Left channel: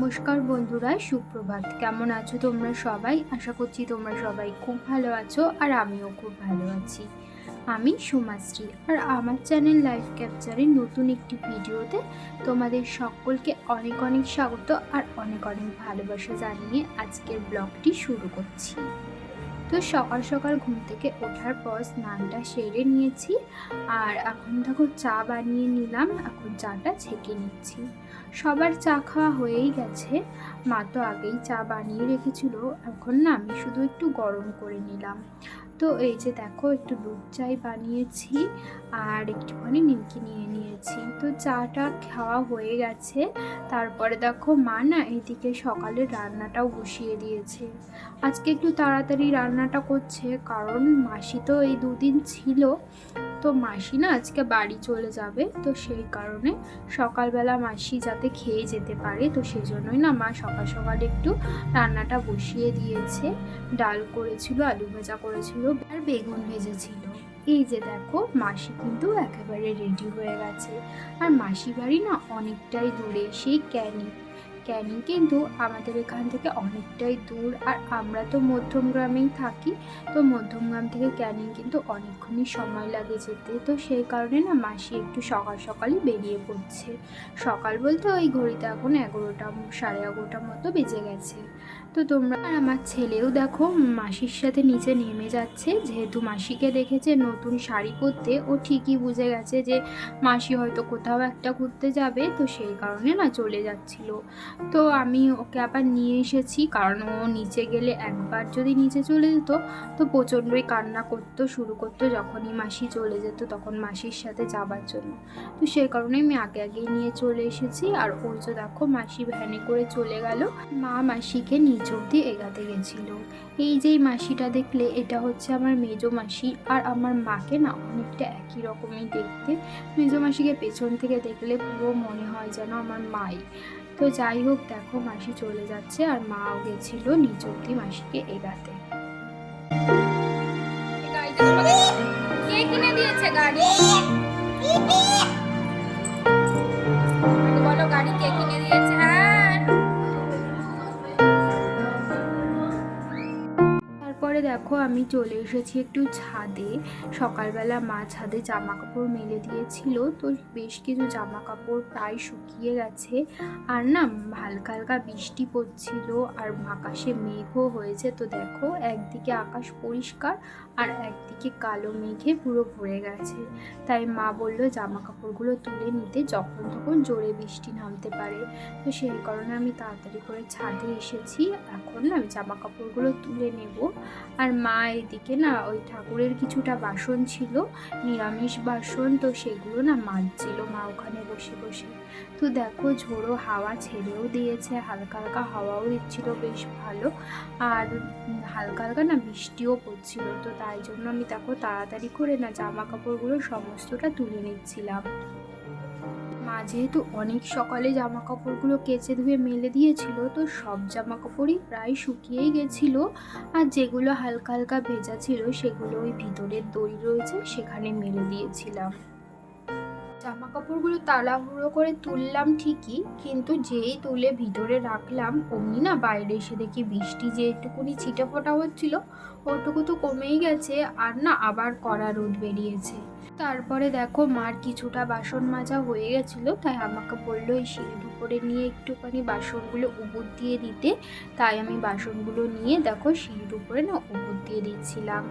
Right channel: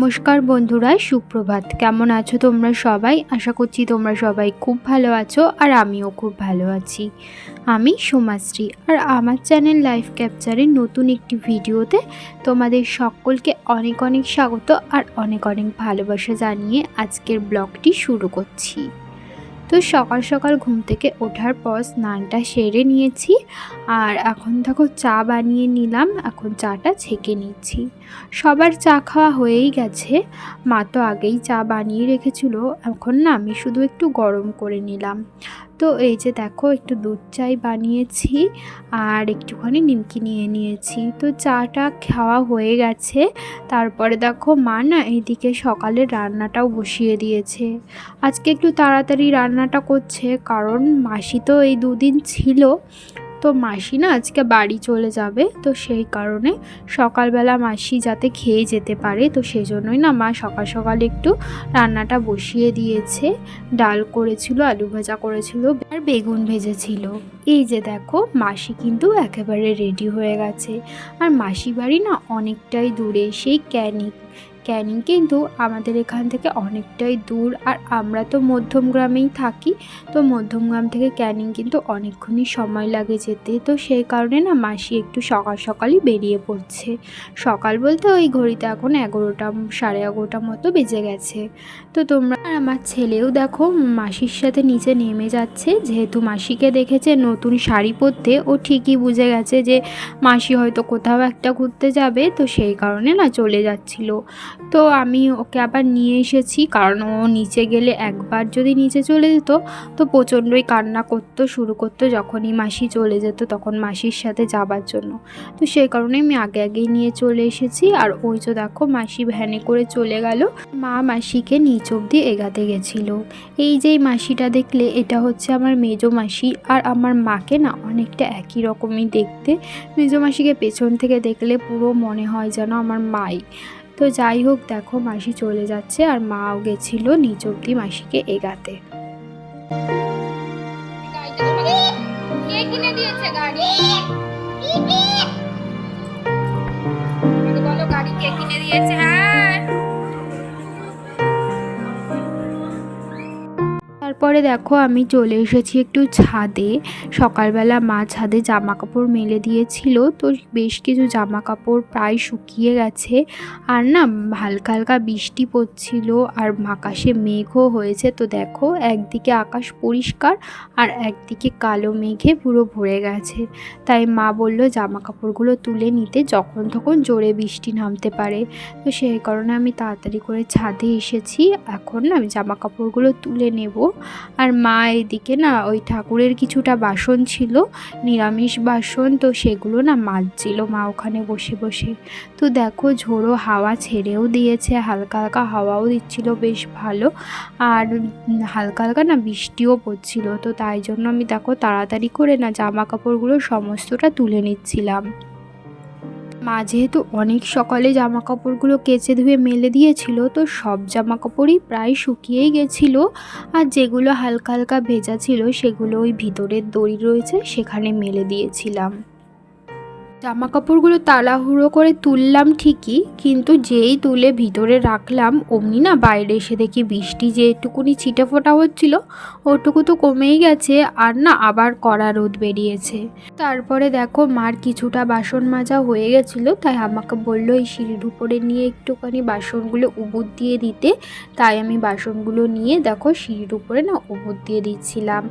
নমস্কার বন্ধুরা, সুপ্রভাত। কেমন আছো তোমরা সবাই? আশা করছি তোমরা সবাই খুব ভালো আছো আর আমিও খুব ভালো আছি। আমি সোমাশ্রী আর আমার চ্যানেল লাইফ ক্যাপচারের নতুন একটি ভিডিওতে তোমাদের সকলকে অনেক অনেক স্বাগত আর অনেক অনেক ভালোবাসা জানিয়ে আজকের ব্লগটি শুরু করছি। তো সকাল সকাল ঘুম থেকে ওঠার পর স্নানটা সেরে নিয়েছি আর এখন দেখো চা বানিয়ে নিলাম, এখন চাটা ছেঁকে নিচ্ছি। সবার চা খাওয়া হয়েই গেছে, মা তো আগেই চা বানিয়ে রেখেছিল, এখন না আমি শুধু একটু গরম করে নিলাম। তো এই যে দেখো, একটু দুধ চাই বানিয়েছি আর একটুখানি নিমকি নিয়ে নিয়েছি। তো চাটা খাওয়া হয়ে গেছে। তারপরে দেখো মা না এইদিকে সকালে রান্নাটাও বসিয়ে দিয়েছে। আজকে একটু তাড়াতাড়ি রান্নাটা করছে, কারণ মাসি তো এই দুদিন ছিল। তো মাসি না আজকে বাড়ি চলে যাবে, তো সেই কারণে সকালবেলা মাসি যাতে খেয়ে যেতে পারে, তো সেই জন্যই না মা সকাল সকাল একটু রান্নাটা বসিয়ে দিয়েছে। ডাল করেছিল, আলু ভাজা করেছিল আর বেগুন ভেজেছিল। এই যে দেখো, মাসি কিন্তু একেবারে রেডি হয়ে গেছে। আর মাসি বাড়ি না অনেকটাই দূরে, সেই ক্যানিক। ক্যানিং কিন্তু আমাদের এখান থেকে অনেকটাই দূর। আর আমরা তো মধ্যম গ্রামেই থাকি, তো মধ্যম গ্রাম থেকে ক্যানিং কিন্তু অনেকক্ষণই সময় লাগে যেতে। তো সেই কারণে না মাসি একটু সকাল সকালই বেরিয়ে পড়ছে। সকাল বলতে ওই ঘড়িতে এখন এগারোটা, সাড়ে এগারোটা মতো বেজে গেছে। তো তোমরা আর আমার ছেলেও দেখো, মাসির সাথে নিচে নেমে যাচ্ছে। যেহেতু মাসিকে দেখেছে নতুন শাড়ি পরতে, ও ঠিকই বুঝে গেছে যে মাসি হয়তো কোথাও একটা ঘুরতে যাবে, তো সেই কারণে না চলে যাচ্ছিল। তো আমি ওকে আবার নিয়ে এসেছি, কারণ ও নিচে গেলে একবার যদি নিচে চলে যেত, তো প্রচণ্ডই কান্না করতো, শুরু করতো যখনই মাসি চলে যেত, তখন মাসির সাথে যাবার জন্য। তো সেই কারণে আমি আগে আগেই নিয়ে চলে এসেছি, আর ওই তো দেখো মাসি ভ্যানে করে চলে গেল। মা মাসিকে নিচ অব্দি এগাতে গেছিল। এই যে মাসিটা দেখলে, এটা হচ্ছে আমার মেজো মাসি, আর আমার মাকে না অনেকটা একই রকমই দেখতে। মেজো মাসিকে পেছন থেকে দেখলে পুরো মনে হয় যেন আমার মাই। তো যাই হোক, দেখো মাসি চলে যাচ্ছে আর মাও গেছিল নিচ অব্দি মাসিকে এগাতে। গাড়ি? তারপরে দেখো আমি চলে এসেছি একটু ছাদে। সকালবেলা মা ছাদে জামা কাপড় মেলে দিয়েছিল, তো বেশ কিছু জামা কাপড় প্রায় শুকিয়ে গেছে। আর না, হালকা হালকা বৃষ্টি পড়ছিল, আর আকাশে মেঘও হয়েছে। তো দেখো, একদিকে আকাশ পরিষ্কার, আর একদিকে কালো মেঘে পুরো ভরে গেছে। তাই মা বলল জামা কাপড়গুলো তুলে নিতে যখন তখন জোরে বৃষ্টি নামতে পারে। তো সেই কারণে আমি তাড়াতাড়ি করে ছাদে এসেছি। এখন না, আমি জামা কাপড়গুলো তুলে নেব। আর মা এদিকে না ওই ঠাকুরের কিছুটা বাসন ছিল, নিরামিষ বাসন, তো সেগুলো না মাজছিল মা ওখানে বসে বসে। তো দেখো ঝোড়ো হাওয়া ছেড়েও দিয়েছে, হালকা হালকা হাওয়াও দিচ্ছিল বেশ ভালো, আর হালকা হালকা না বৃষ্টিও পড়ছিল। তো তাই জন্য আমি দেখো তাড়াতাড়ি করে না জামা কাপড়গুলো সমস্তটা তুলে নিচ্ছিলাম। মা যেহেতু অনেক সকালে জামা কাপড়গুলো কেচে ধুয়ে মেলে দিয়েছিল, তো সব জামা কাপড়ই প্রায় শুকিয়েই গেছিল। আর যেগুলো হালকা হালকা ভেজা ছিল, সেগুলো ওই ভিতরের দড়ি রয়েছে, সেখানে মেলে দিয়েছিলাম। জামা কাপড়গুলো তাড়াহুড়ো করে তুললাম ঠিকই, কিন্তু যেই তুলে ভিতরে রাখলাম, অমনি না বাইরে এসে দেখি বৃষ্টি যেটুকুনি ছিটে ফোটা হচ্ছিল, ওটুকু তো কমেই গেছে আর না আবার কড়া রোদ বেরিয়েছে। তারপরে দেখো মার কিছুটা বাসন মাজা হয়ে গেছিল, তাই আমাকে বলল এই সিঁড়ির উপরে নিয়ে একটুখানি বাসনগুলো উবুর দিয়ে দিতে, তাই আমি বাসনগুলো নিয়ে দেখো সিঁড়ির উপরে না উবুর দিয়ে দিচ্ছিলাম।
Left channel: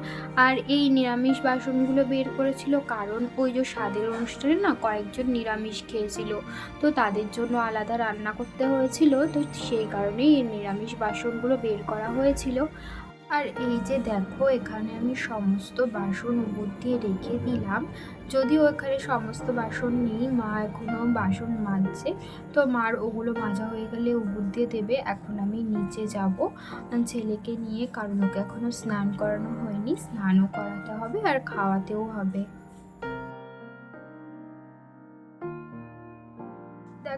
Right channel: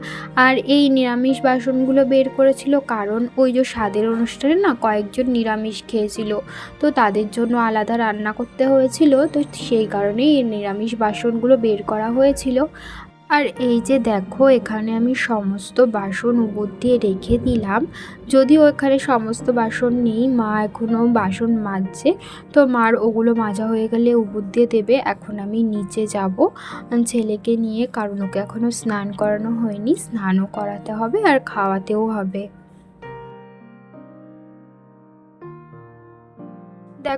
আর এই নিরামিষ বাসনগুলো বের করেছিল কারণ ওই যে স্বাদের অনুষ্ঠানে না কয়েকজন নিরামিষ খেয়েছিল। তো তাদের জন্য আলাদা রান্না করতে হয়েছিল। তো সেই কারণেই এই নিরামিষ বাসনগুলো বের করা হয়েছিল। আর এই যে দেখো, এখানে আমি সমস্ত বাসন উপর দিয়ে রেখে দিলাম। যদিও এখানে সমস্ত বাসন নেই, মা এখনও বাসন মাজছে। তো মার ওগুলো মাজা হয়ে গেলে উপর দিয়ে দেবে। এখন আমি নিচে যাব ছেলেকে নিয়ে, কারণ ওকে এখনও স্নান করানো হয়নি। স্নানও করাতে হবে আর খাওয়াতেও হবে।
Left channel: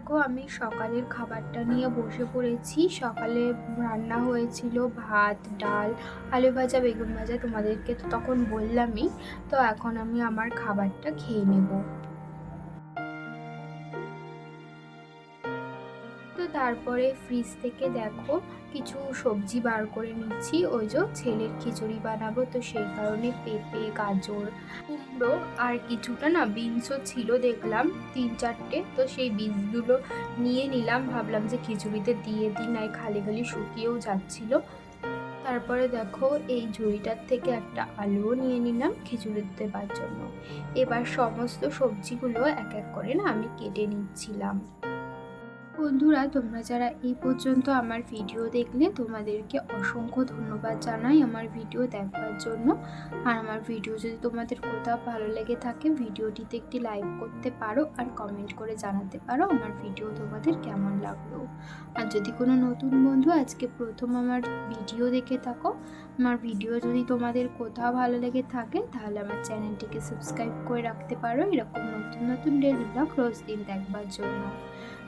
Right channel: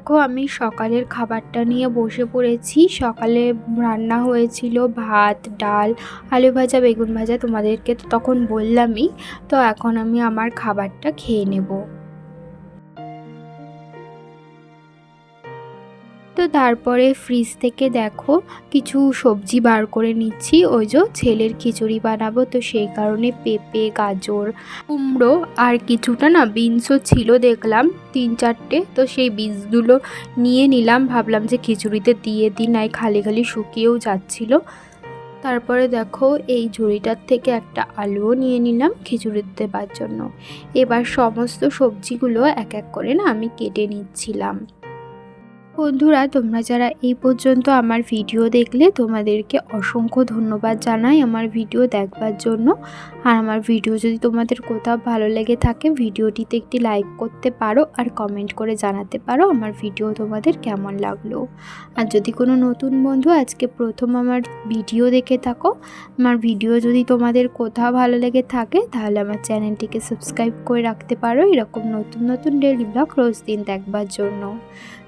দেখো, আমি সকালের খাবারটা নিয়ে বসে পড়েছি। সকালে রান্না হয়েছিল ভাত, ডাল, আলু ভাজা, বেগুন ভাজা তোমাদেরকে তো তখন বললামই। তো এখন আমি আমার খাবারটা খেয়ে নেব। তারপরে ফ্রিজ থেকে দেখো কিছু সবজি বার করে নিচ্ছি। ওই যে ছেলের খিচুড়ি বানাবো, তো সেই কারণে পেঁপে, গাজর, কুমড়ো আর কিছুটা না বিনসও ছিল দেখলাম তিন চারটে। তো সেই বীজগুলো নিয়ে নিলাম, ভাবলাম যে খিচুড়িতে দিয়ে দিই, নাই খালি খালি শুকিয়েও যাচ্ছিল। তারপরে দেখো এই ঝুড়িটার থেকে একটা আলুও নিয়ে নিলাম খিচুড়ি দেবার জন্য। এবার সমস্ত সবজিগুলো এক এক করে না আমি কেটে নিচ্ছিলাম। বন্ধুরা, তোমরা যারা এই পর্যন্ত আমার ভিডিও দেখলে, তোমাদেরকে অসংখ্য ধন্যবাদ জানাই আমার ভিডিও দেখবার জন্য। আর আমার ভিডিও যদি তোমাদের কোথাও ভালো লেগে থাকে, ভিডিওটিতে একটি লাইক করতে পারো আর কমেন্ট করে জানাতে পারো আমার ভিডিও তোমাদের কেমন লাগল। আর যদি কোনো নতুন বন্ধু আজকে প্রথম আমার ভিডিও দেখে থাকো, আমার ভিডিও যদি তোমাদের কোথাও ভালো লেগে থাকে, তাহলে আমার চ্যানেলটিকে সাবস্ক্রাইব করে রাখতে পারো এরকম নতুন নতুন ডেলি ব্লগ রোজ দিন দেখবার জন্য।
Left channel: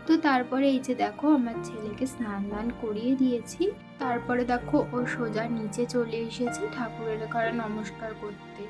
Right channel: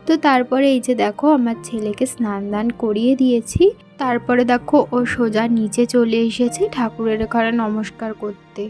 তো তারপরে এই যে দেখো আমার ছেলেকে স্নান দান করিয়ে দিয়েছি। তারপরে দেখো ও সোজা নিচে চলে এসেছে ঠাকুরের ঘরে নমস্কার করতে।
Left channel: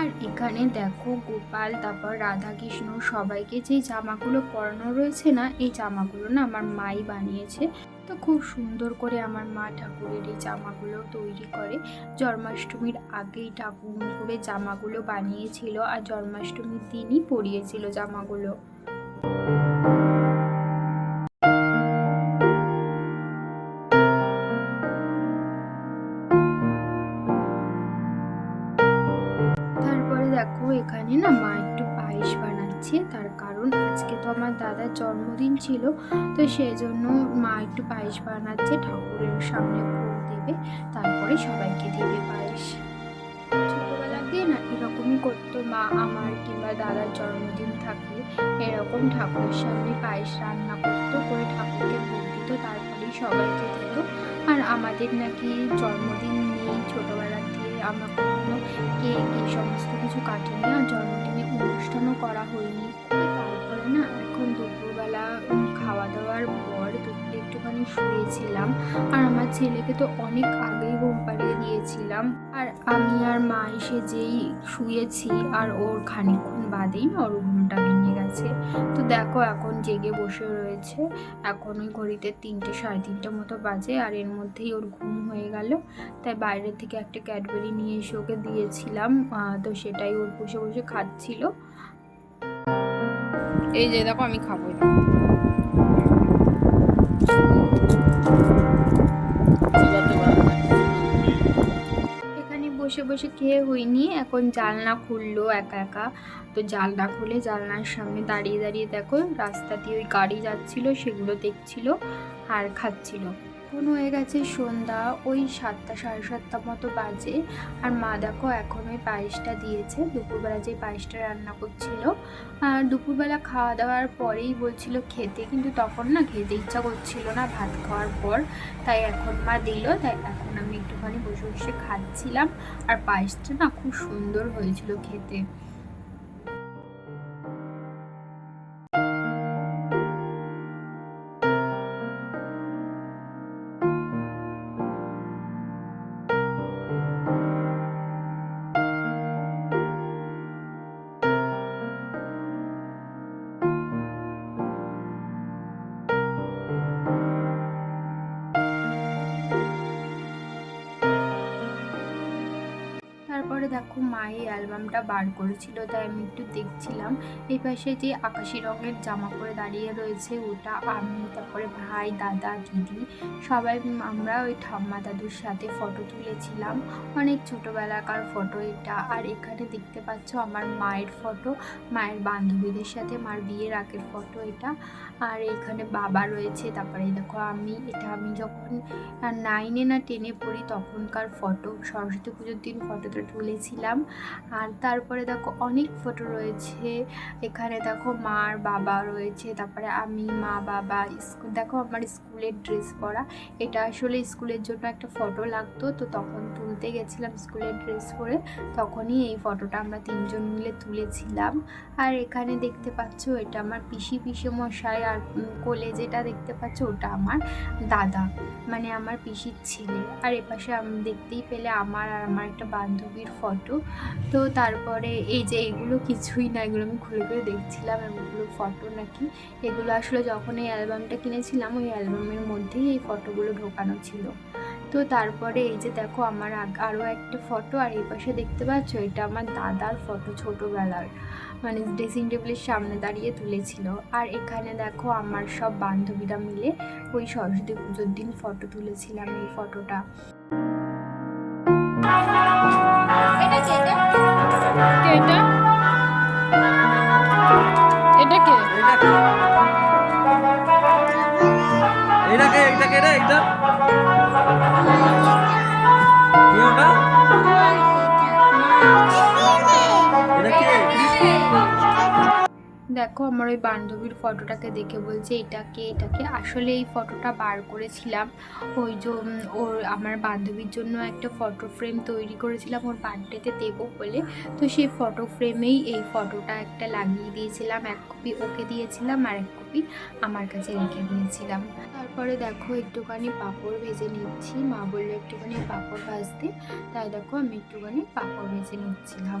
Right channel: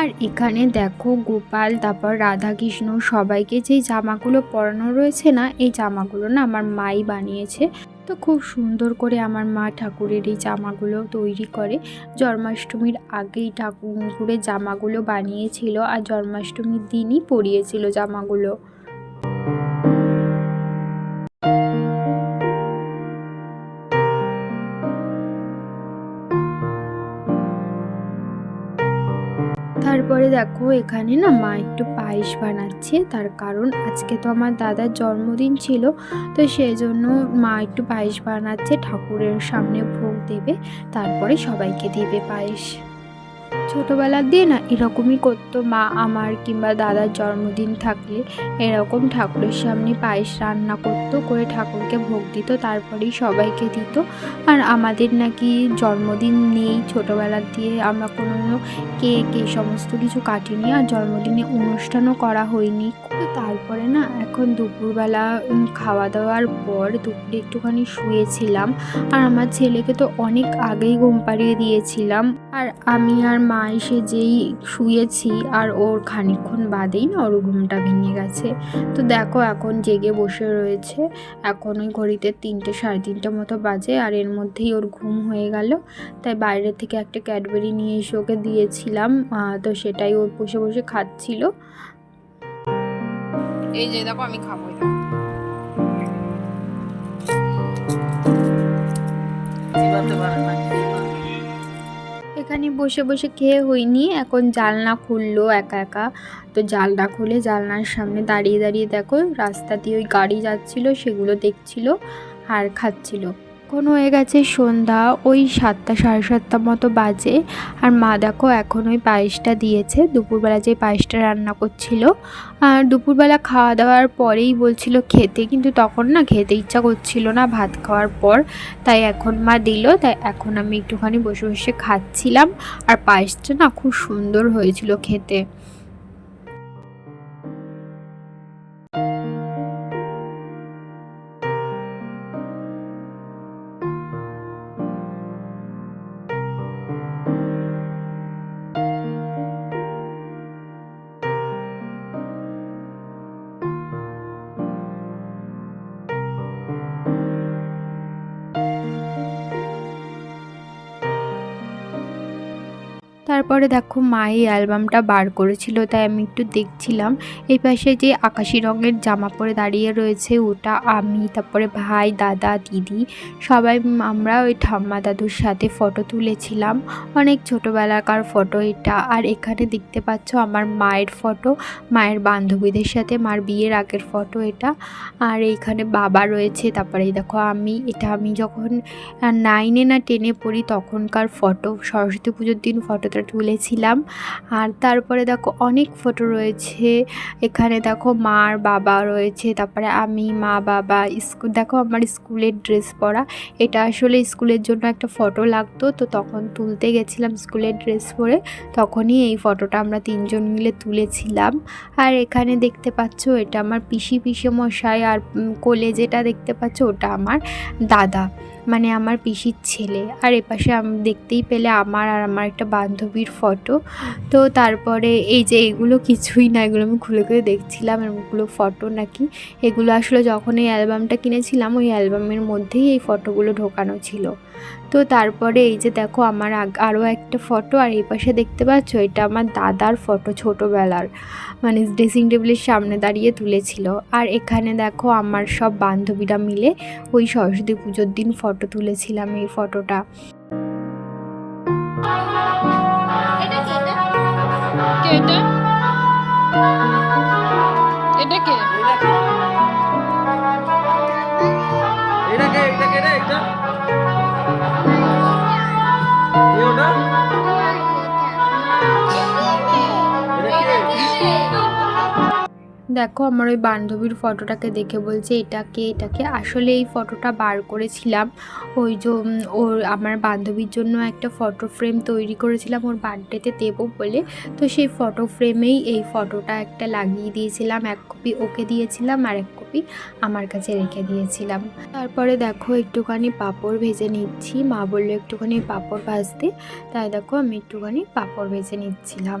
আর এখানে দেখো গোপাল, তারপর রাধাকৃষ্ণ সবাইকে যেই জামাগুলো পরানো রয়েছে না, এই জামাগুলো না আমার মাই বানিয়েছে। তো খুব সুন্দর করে আমার মা ঠাকুরের এই জামাগুলো তৈরি করে। জন্মাষ্টমীর আগেই ঠাকুরের জামাগুলো বানিয়েছিল আর জন্মাষ্টমীর দিনই পরিয়েছিল জামাগুলো। দেখো এখানে না মা একটু পায়েস বানাচ্ছে। তার কারণ আজকে তো আমার দাদার জন্মদিন ছিল, তো সেই জন্য মা একটু পায়েস বানাচ্ছে, ঠাকুরের সামনে ভোগ দেবে, তারপরে সবাইকে দেবে পায়েস। ছোটোবেলার দিয়ে না এরকমই করতো মা আমার কিংবা দাদার জন্মদিন থাকলে এরকম ঠাকুরের সামনে পায়েস রান্না করতো, করে ঠাকুরকে ভোগ দিত, তারপরেই সবাইকে দিত। আর আমাদের নাকি জন্মদিন নেই ছোটোবেলার দিয়ে, আমরা কোনো কেক, এই সমস্ত কিছু কাটিনি আর জন্মদিনে অনুষ্ঠানও করা হয়নি। তারপরে না, এখন দুপুরবেলা খাওয়া দাওয়ার পর দুপুরে একটুখানি শুয়েছিলাম। আর আমার ছেলেকে তো অনেক আগেই ঘুম পাড়িয়ে দিয়েছিলাম। আর আমি আর মা এসে যেই শুয়েছি আর ওর খানিকক্ষণ বাদেই না ওর ঘুমটা ভেঙে গেছে। তো দেখো এখন জেগে বসে রয়েছে। এখন ওই ঘড়িতে তিনটে, সাড়ে তিনটে মতো বাজে আর এর মধ্যেই ওর ঘুম হয়ে গেল। তাই বাইরে থেকে একটা ক্যাডবেরি নিয়ে এসে ওকে দিয়েছিলাম। তো সেটাই ওর বসে বসে খাচ্ছিল। এই যে দেখো আমি খাব বসে বসে খেয়ে হইনি এখন জালনা খুললো একা একা। তো জানলা খুলে জালনার সামনে দাঁড়িয়ে দাঁড়িয়ে দেখো, রাস্তা দিয়ে ওই গাড়ি যাচ্ছিল, সেগুলো দেখছিল আর খাচ্ছিল। এখন হয়ে গেছে সন্ধ্যা, ওই সাতটা, সাড়ে সাতটা মতো বাজে। আর মা দেখো এখন ওই পায়েসটা দিয়েছে। দুপুরবেলা যে পায়েসটা রান্না করছিল। আর দুপুরবেলা খাওয়া দাওয়ার পরেই বলছিল খেতে, কিন্তু তখন না খেতে ইচ্ছা করছিল না ভাত খাওয়ার পর। তাই এখন মা দিল, তাই এখন আমি একটুখানি বসে বসে খাচ্ছিলাম। আর পায়েসটা না খুব সুন্দর হয়েছিল খেতে। তারপরে দেখো মা এই অ্যালবামটা বার করেছিল, তাই আমি একটু দেখছিলাম। এই পাশে যে আকাশি রঙের জামা পরে দাঁড়িয়ে রয়েছে, ওটা আমি, তারপরে ভাই, দাদা, দিদি, সবাই আমরা ওই ঠাম্মা দাদুর সাথে ফটো তুলেছিলাম। অনেক ছোটোবেলাকার ফটো এটা। আর এখানে দেখতে পাচ্ছ আমার মায়ের ফটো, মায়ের বান্ধবীদের সাথে মার বিয়ের আগের ফটো এটা। আর এইখানে বাবা রয়েছে, তারপরে দেখো আমি, এটা আমি যখন নাইনে না টেনে পড়ি, তখনকার ফটো, সরস্বতী পুজোর দিন ফটোটা তুলেছিলাম। আর তারপরে দেখো অনেক ফটো রয়েছে। এখানে দেখো মার বাবা রয়েছে, তারপরে আমি, মা, বাবা স্কুল দেখো আমার স্কুলের ড্রেস পরা। এটা আসলে স্কুলের জন্য একটা ফটো লাগতো। তো তখন তুলতে গেছিলাম স্কুলের ড্রেস পরে। তখনই এই ফটোটা আমরা তিনজন মিলে তুলেছিলাম। আর এখানে দেখতে পাচ্ছ, এটা আমার পিসি পিসে মশাই আর কোলে যেটা দেখতে পাচ্ছ, ওটা আমার দাদা। মানে আমার পিসির ছেলে। আর এপাশে আমি, দেখতেই পেলে আমার আর আমার একটা বান্ধবীর ফটো তো তারপরে এই যে এগুলো কিছুই না, এগুলো আমি খুলে খুলে দেখছিলাম এগুলো ফটো নাকি। এগুলো আসলে যখন এই অ্যালবামটা কিনেছিলাম, ওই অ্যালবামের মধ্যেই এই ফটোগুলো ঢোকানো ছিল। তো তারপরে এই যে দেখো আমার আরও একটা ফটো আর এই পাশে দেখতে পাচ্ছ এটা আমার দাদার ফটো ছোটোবেলার মানে ড্রেসিং টেবিলের সামনে দাঁড়িয়ে তুলেছিল। আর এখানে দেখো আমার সব বান্ধবীরা মিলে ওই সরস্বতী পুজোর দিন ফটো তুলেছিলাম এই ফটোটা। এটা কি এটা? কে এটা? এটা কে? এটা কে? এটা? কে রে দেখো আমার ওই বান্ধবীর ফটোটাকে দেখে বলছে এটাকে এটাকে আসলে এই ফটোটা বার করেছিলাম। ওই যে ওর আমার বান্ধবীর জন্য একটা ফটো ফ্রেম তৈরি করেছিলাম ওর বার্থডেতে দেবো বলে। তো সেই ফটো ফ্রেমেই এই ফটোটা একটা লাগিয়ে দিয়েছিলাম, এক কপি ওকে দিয়েছিলাম আর এক কপি আমার কাছে রেখে দিয়েছিলাম। তারপরে দেখো একটুখানি পাঁপড় ভেজে নিচ্ছি। মা বলল একটুখানি পাঁপড় ভাজতে। তাই দেখো আমি একটুখানি পাঁপড় ভেজে নিচ্ছিলাম।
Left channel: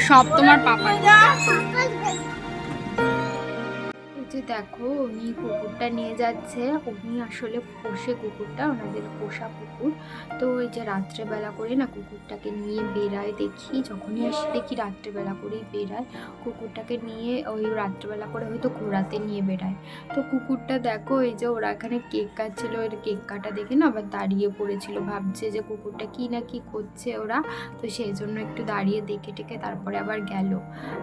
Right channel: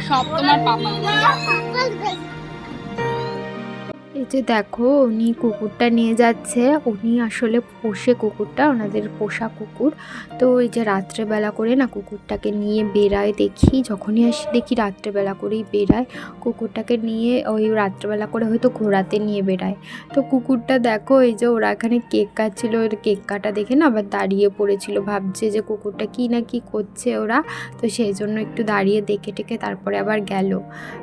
সব তোমার এই যে দেখো উনি কুকুরটা নিয়ে যাচ্ছে। উনি আসলে পোষে কুকুরটা, ওনাদের পোষা কুকুর। তো এই যে রাত্রেবেলা করে না কুকুরটাকে নিয়ে বেরায় দেখি, যখনই আসি দেখি রাত্রেবেলা করেই বেরায় কুকুরটাকে নিয়ে ওই রাত্রেবেলা করে হয়তো ঘোরাতে নিয়ে বেরায় তো কুকুরটা দেখো এই যে ওরা এখানে কেক কাটছিল, ওর কেক কাটা দেখে না আবার দাঁড়িয়ে পড়েছিল, ভাবছে যে কুকুরটা কি না কি করছে ওরা। তো সেই জন্য একটু দাঁড়িয়ে দেখে টেকে তারপরে আবার গেল।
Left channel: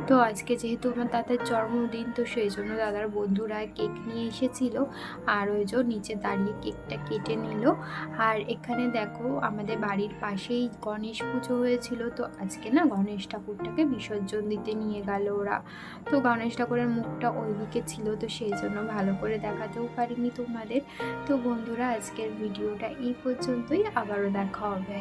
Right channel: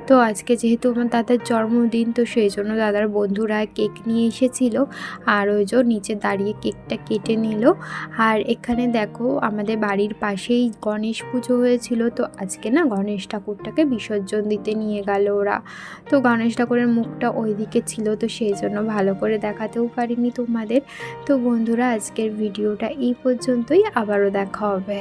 তো আজকে যেহেতু আমার দাদার জন্মদিন, তো সেই জন্য দাদার বন্ধুরা কেক নিয়ে এসেছিল আর ওই যে নিচে দাঁড়িয়ে কেকটা কেটে নিল। আর এখানে দেখো আমাদের বাড়ির পাশেই গণেশ পুজো হয়েছিল। তো আজকে না গণেশ ঠাকুরটাকে বিসর্জন দিতে নিয়ে গেল ওরা। তো গণেশ ঠাকুরের মুখটা ওইদিকে ছিল, তো সেই জন্য ভালো করে দেখাতেও পারিনি তোমাদের। তো বন্ধুরা, আজকের ভিডিওটা এই পর্যন্তই। আবারও দেখা হবে।